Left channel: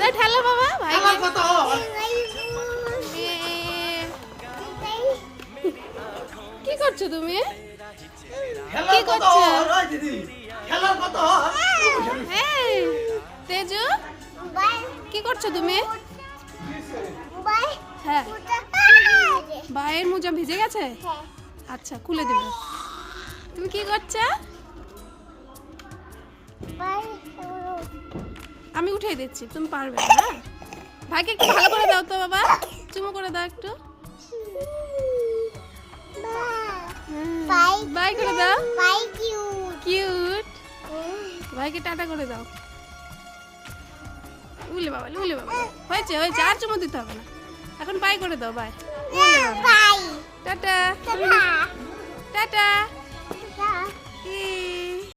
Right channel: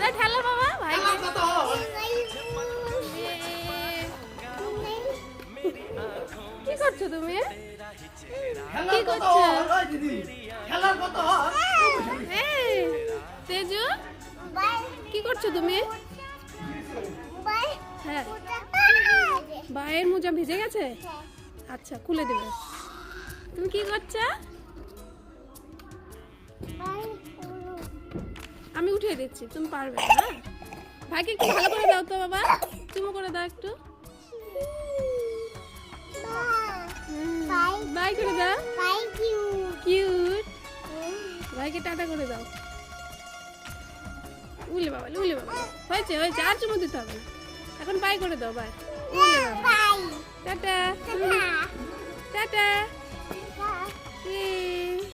না ঠেলো বাবা ভাই কি করছো তুমি কি করছো তেজু কি করছো তুমি হ্যাঁ ভাইয়ের মোজা ভিজে গেছে আচ্ছা খুলে দেবে তুমি কি করছো আমি উঠিয়ে দিচ্ছি তুমি পারবে না হ্যাঁ ভাইকে একটু ভালো করে দাও তো বাবা চুমো করে দাও একটু বাই করে দাও কিউট ভাইকে টাটা করে দাও উলে বাবা হয়েছে হয়েছে আর চুমো দিতে হবে না এখন বাই করে দাও বাই টাটা টাটা